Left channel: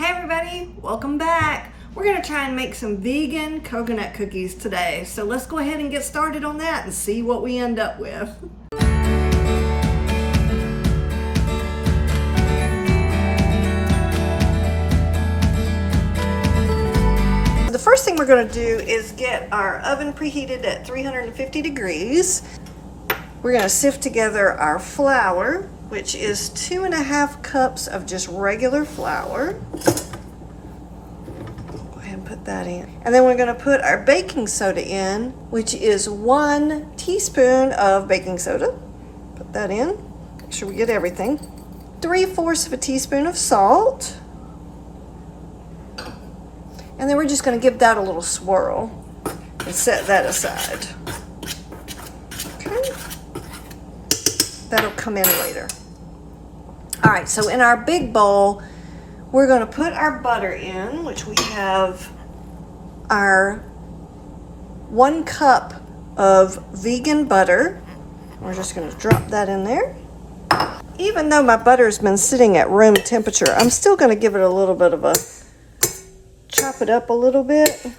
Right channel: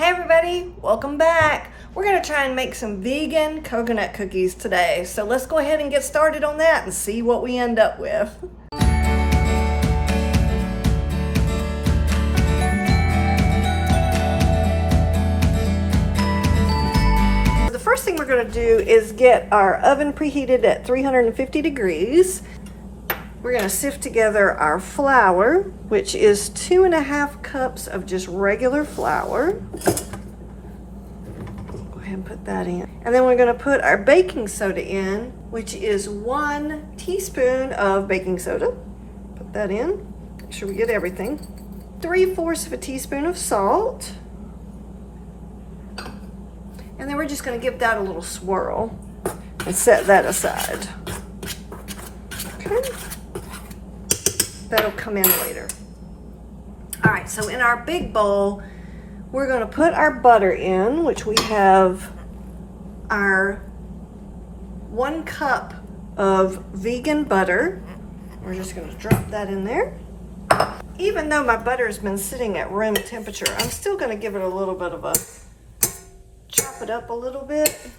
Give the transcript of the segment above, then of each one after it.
Hey everybody, welcome back. We're gonna try and make some vegan coconut cookies today. So let's go ahead and get started on that and see what we end up with. The first thing we're gonna do is get our oven preheated at 350 degrees. We're gonna sift together our flour, which is 2.5 cups of just regular flour. Go ahead and put that in. And then we're gonna put our baking soda in, which is 1 teaspoon of baking soda. Put that in, make sure we get everything. 3/4 of a teaspoon of salt. And then we're just gonna give that a little swirl and set that aside. Okay. That'll come in later. All right, so in our big bowl, we're gonna put our butter in, which we have our 1 cup of vegan butter. We're just gonna drop that in there. Even though my butter's been sitting at room temperature, I'm still gonna give it a little bit of a, chop it up a little bit.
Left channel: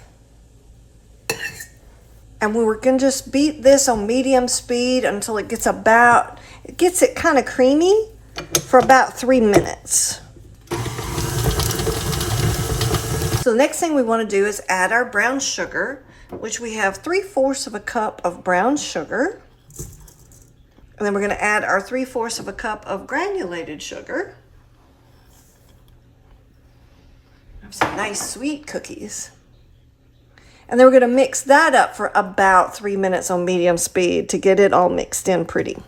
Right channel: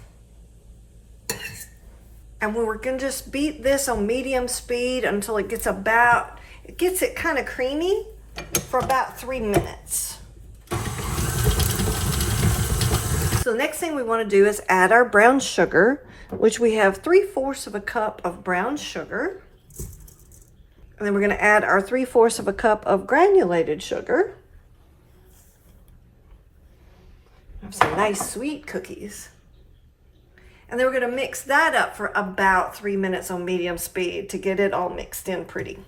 And we're gonna just beat this on medium speed until it gets it kind of creamy for about 3 minutes. So the next thing we want to do is add our brown sugar, which we have 3/4 of a cup of brown sugar. And then we're going to add our 3/4 of a cup of granulated sugar. Have some nice sweet cookies. And then we're going to mix that up for about 3 minutes on medium speed to get it all mixed in pretty.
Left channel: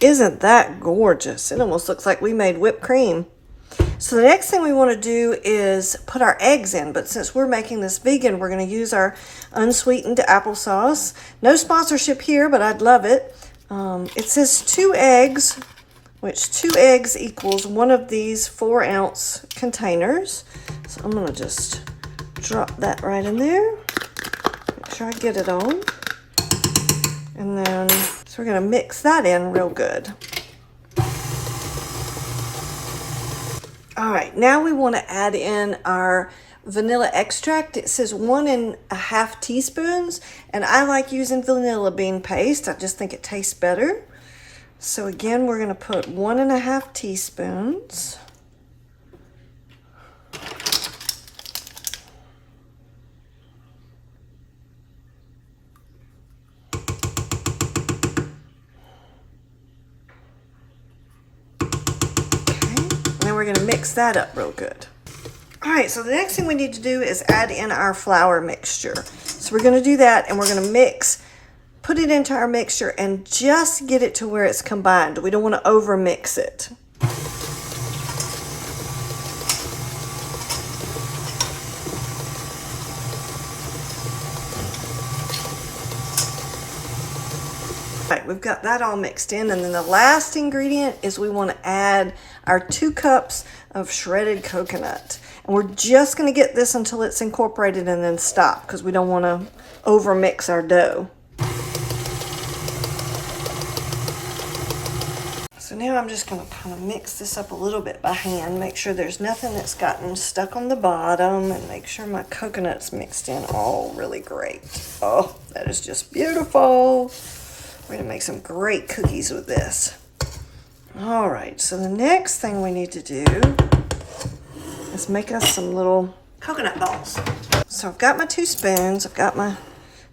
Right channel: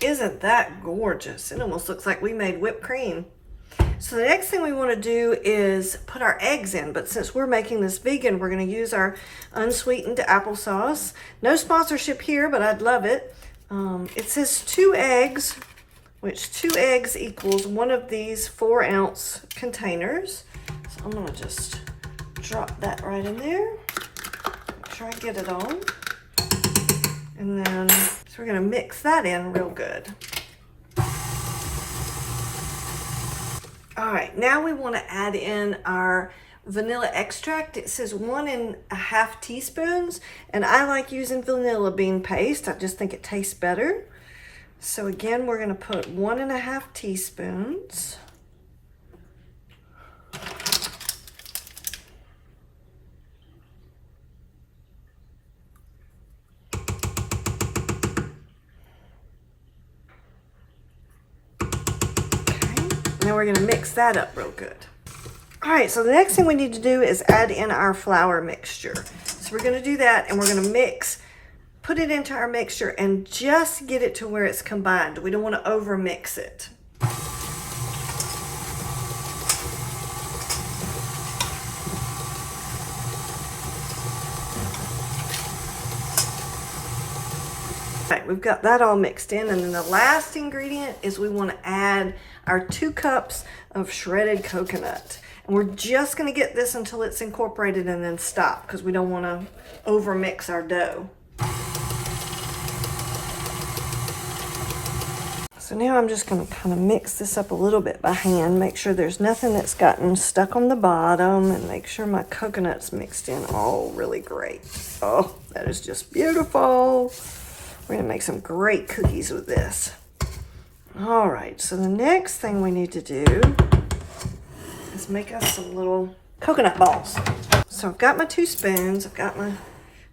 Isn't that gorgeous? It almost looks like we made whipped cream. So the next thing we want to do is put our eggs in, but since we're making this vegan, we're going to use our unsweetened applesauce. No sponsorship here, but I'd love it. It says 2 eggs, which 2 eggs equals 1 of these 4-ounce containers. So I'm going to just drop that right in there. Make sure I get it on. And then, so we're gonna mix that in real good. All right, now we wanna add in our vanilla extract. It says 1.5 teaspoons, and I like using vanilla bean paste. I just think it tastes better. So again, we're gonna put 1.5 teaspoons. Now we're going to mix that up real good. All right, so the next thing we need to do is add in our flour mixture. So we're going to do that, and we're going to put it into our mixture and just get it to where it's combined. We don't want to over mix it. All right, we've got that all mixed in, and then the last ingredient is we want to add our 2 cups of shredded coconut. And we're just going to get this until it's incorporated and then stop, because we don't want to over mix our dough. So now I'm just going to kind of mix this up a little bit by hand, make sure there's nothing that's gotten stuck on the bottom, and make sure my coconut's mixed in all really great. Oh, that is just beautiful. We're going to make some great cookies with this. All right, so the next thing we need to do is make us some little coconut balls. So I've got my 2 spoons, I've got my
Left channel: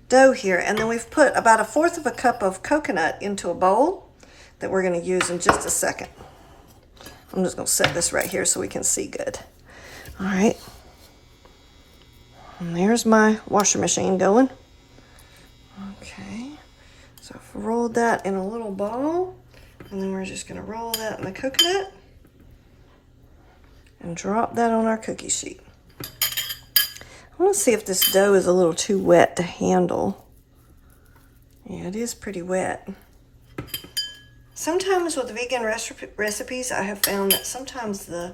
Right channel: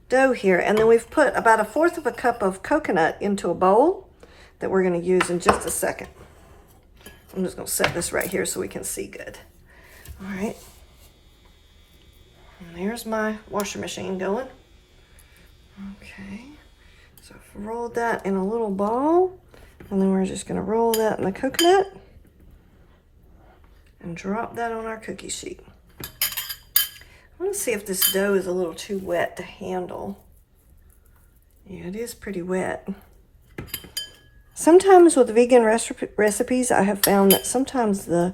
dough here, and then we've put about 1/4 of a cup of coconut into a bowl that we're gonna use in just a second. I'm just gonna set this right here so we can see good. All right, and there's my washing machine going. Okay, so I've rolled that in a little ball. And then we're just going to roll that in the coconut and drop that on our cookie sheet. I want to see if this dough is a little too wet to handle. Yeah, it is pretty wet. Sometimes with vegan recipes, I have found that sometimes the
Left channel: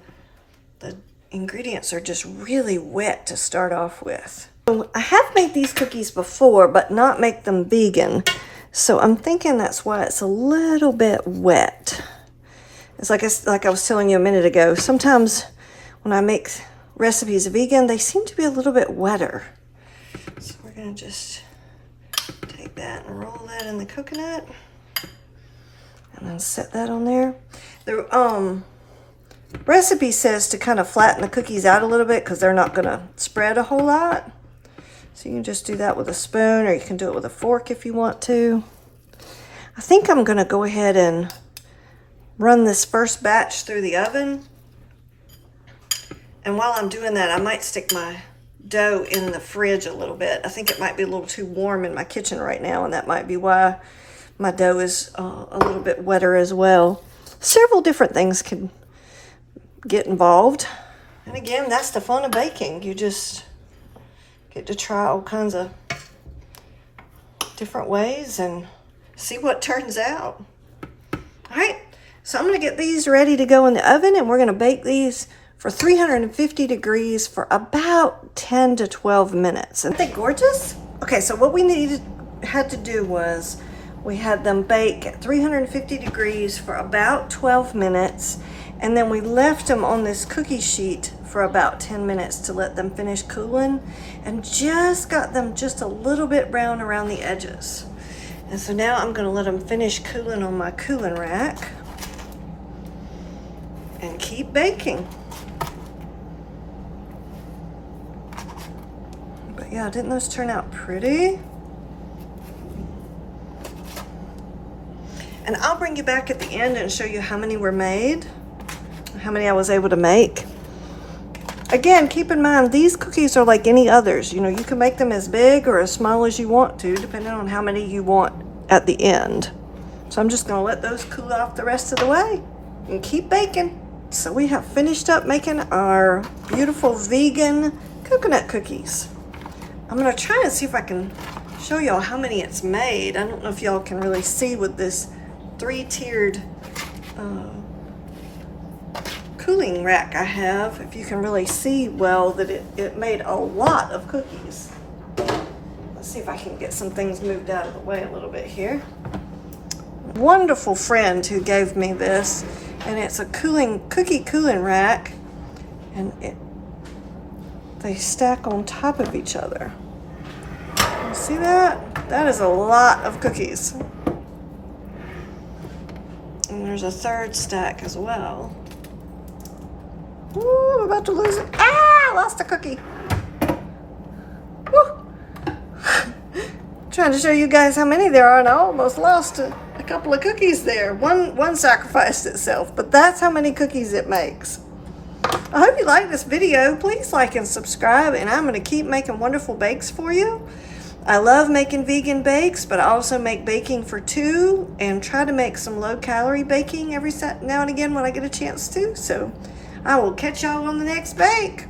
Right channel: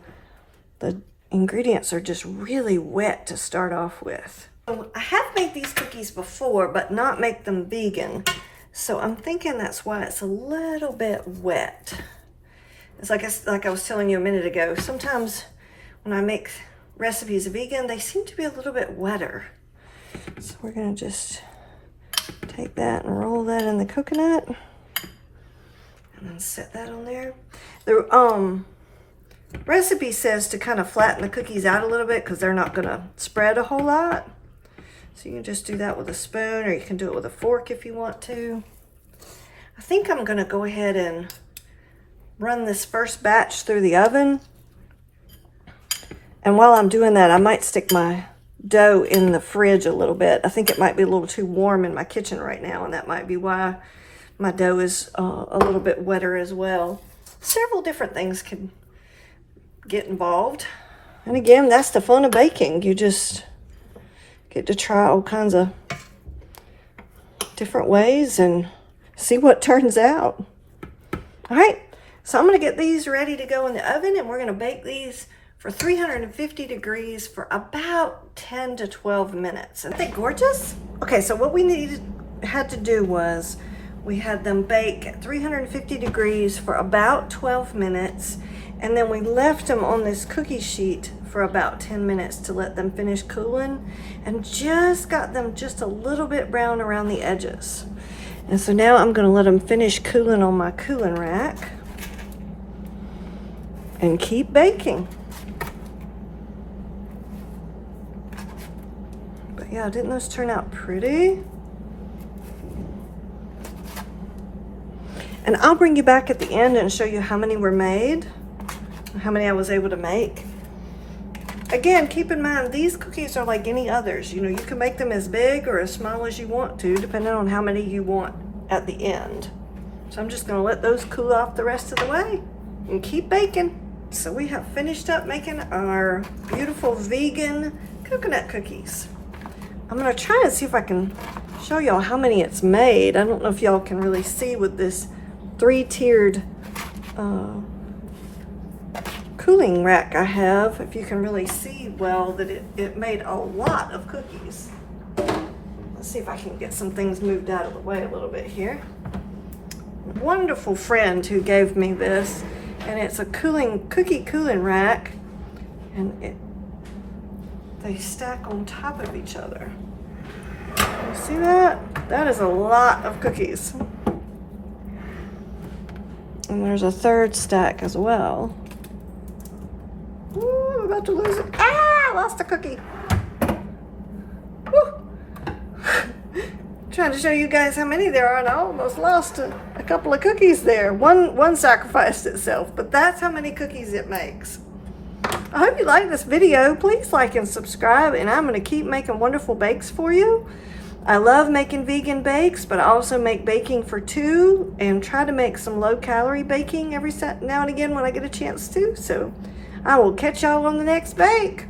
ingredients are just really wet to start off with. I have made these cookies before, but not make them vegan. So I'm thinking that's why it's a little bit wet. It's like I was telling you a minute ago. Sometimes when I make recipes vegan, they seem to be a little bit wetter. So we're gonna just take that and roll that in the coconut, and then set that on there. The recipe says to kind of flatten the cookies out a little bit because they're not gonna spread a whole lot. So you can just do that with a spoon, or you can do it with a fork if you want to. I think I'm gonna go ahead and run this first batch through the oven. And while I'm doing that, I might stick my dough in the fridge a little bit. I think it might be a little too warm in my kitchen right now, and that might be why my dough is a little bit wetter as well. Several different things can get involved. And again, that's the fun of baking. You just get to try all kinds of different ways and see what turns out. All right, so I'm gonna get these ready to go in the oven, and we're gonna bake these for 350 degrees for about 10 to 12 minutes. Aren't they gorgeous? Okay, so what we had to do was we had them bake at 350 degrees for about 12 minutes, and then we left them on this cookie sheet for about 10 minutes to let them finish cooling, and just got them just a little bit brown around the edges. And so now I'm gonna let them finish cooling on my cooling rack and keep baking. But yeah, didn't those turn out pretty? And I'll bring you back at the end and show you how many were made, how many I was able to make. Again, keep in mind, these cookies are like any others. You know, you can make them as big or as small as you want to, depending on how many you want at the end. So I'm just gonna let those cool off the rest of the way and keep baking. So we have finished up making our beautiful vegan coconut cookies. I'm gonna try and see if I can show y'all how many it's made. I don't know if y'all can really see with this 3-tiered cooling rack I have, if you can really see well that it made a lot of cookies. Let's see if I can get some things moved out of the way a little bit here. Wonderful friend who gave me this, and it's a cookie cooling rack, and they stack on top of each other. You see that? That is a lot of cookies. And there's a third stack as well. Ooh, I'm about to lose it. Ah, I lost a cookie. Woo. Trying to show you guys how many there are, and I almost lost a couple of cookies there. One sacrificed itself, but that's how many cookies it makes. I hope you like this video. Please like and subscribe, and I'm going to keep making wonderful bakes for you. I love making vegan bakes, but I also make baking for two and try to make some low-calorie baking every now and again when I get a chance to. So I will catch y'all on the next bake.